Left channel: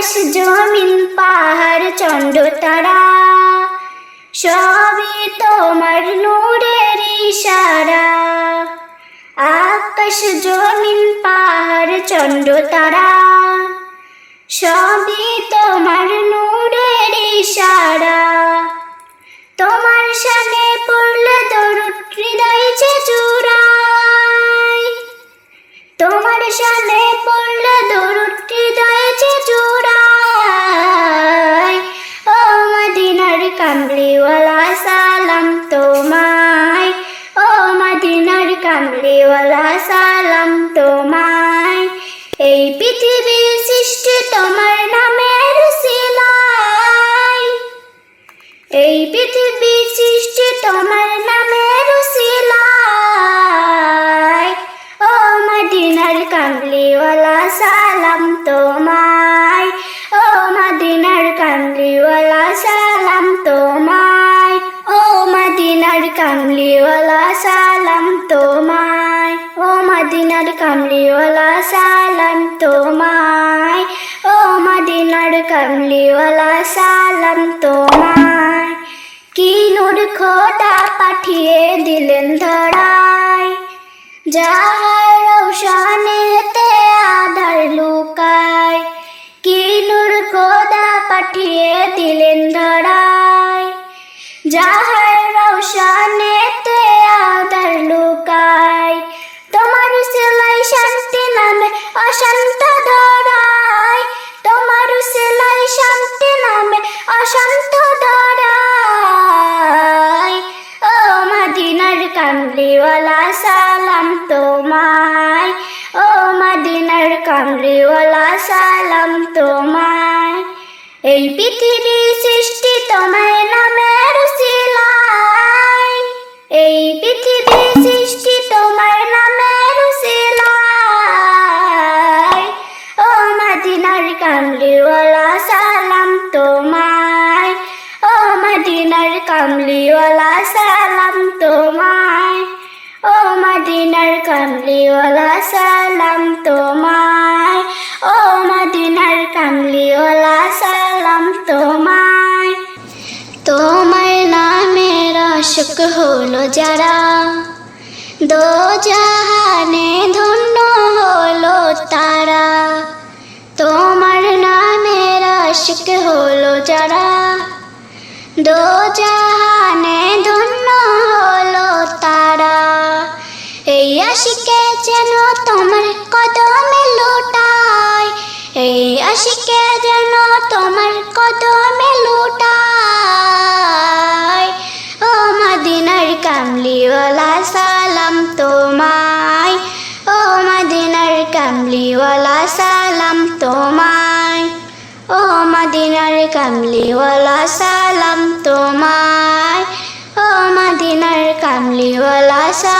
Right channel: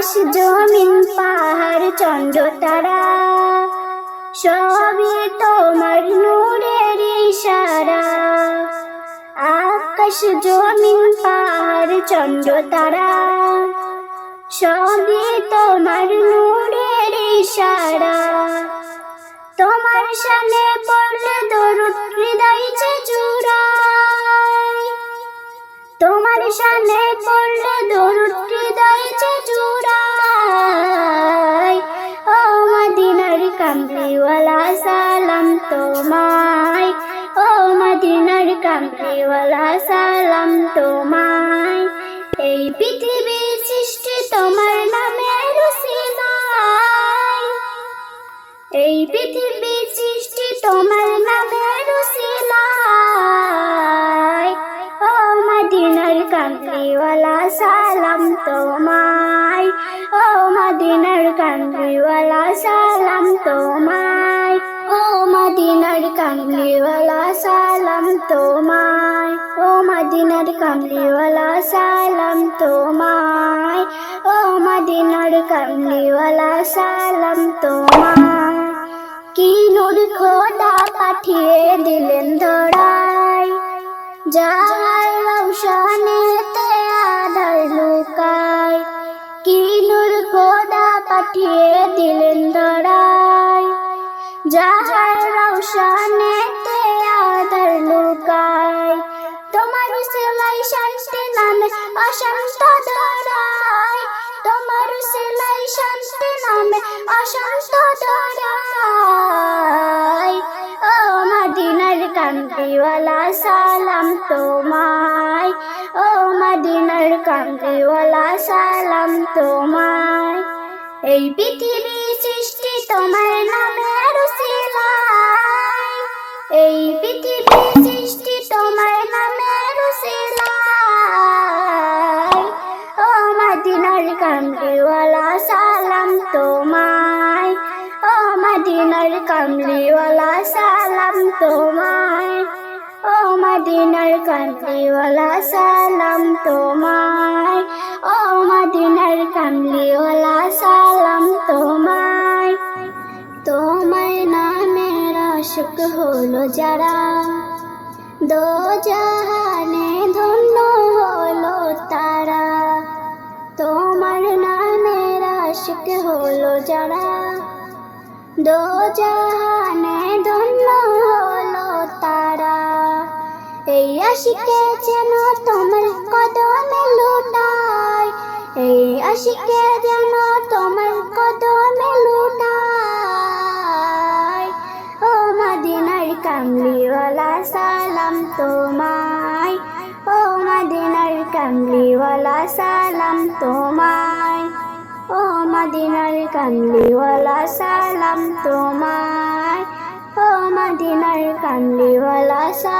আকাশ জমিন, পাহাড় চন্ড তারা। সবই তোমার নূরের ইশারা। আকাশ জমিন, পাহাড় চন্ড তারা। সবই তোমার নূরের ইশারা। তোমার সামনে পড়লে দরুদ হৃদয় যে জুড়াই তোমার সামনে কামলিওয়ালা সালাম তোমায়। এই পৃথিবীর সৃষ্টি তোমার নামের সিলাই। এই পৃথিবী সৃষ্টি তোমার নামের সিলাই। ও মদিনার কামলিওয়ালা, সালাম তোমায়। কামলিওয়ালা সালাম তোমায়। ও মদিনার কামলিওয়ালা সালাম তোমায়। ও মদিনার কামলিওয়ালা সালাম তোমায়। কি নূর খোদা পাঠিয়ে দিলেন ধরায়। যাহার রৌশানেতে আধার লুকায়। কি নূর খোদা পাঠিয়ে দিলেন ধরায়। যাহার কামলিওয়ালা সালাম তোমায়। ও মদিনার কামলিওয়ালা সালাম তোমায়। এই পৃথিবী সৃষ্টি তোমার নামের সিলাই এই পৃথিবী সৃষ্টি তোমার নামের সিলাই ও মদিনার কামলিওয়ালা সালাম তোমায়। ও মদিনার কামলিওয়ালা সালাম তোমায়। ও মদিনার কামলিওয়ালা, সালাম তোমায়। ও মদিনার কামলিওয়ালা, সালাম তোমায়। তোমার নামের আশক হলো যারা দো জাহানে ধন্য হলো তারা। তোমার নামের আশক হলো যারা দো আশিকে যেন তোমার কদমে লুটায় এই আশিকে যেন তোমার কদমে লুটায় ও মদিনার কামলিওয়ালা, সালাম তোমায়। ও মদিনার কামলিওয়ালা, সালাম তোমায়। ও মদিনার কামলিওয়ালা, সালাম তোমায়। ও মদিনার কামলিওয়ালা, সালাম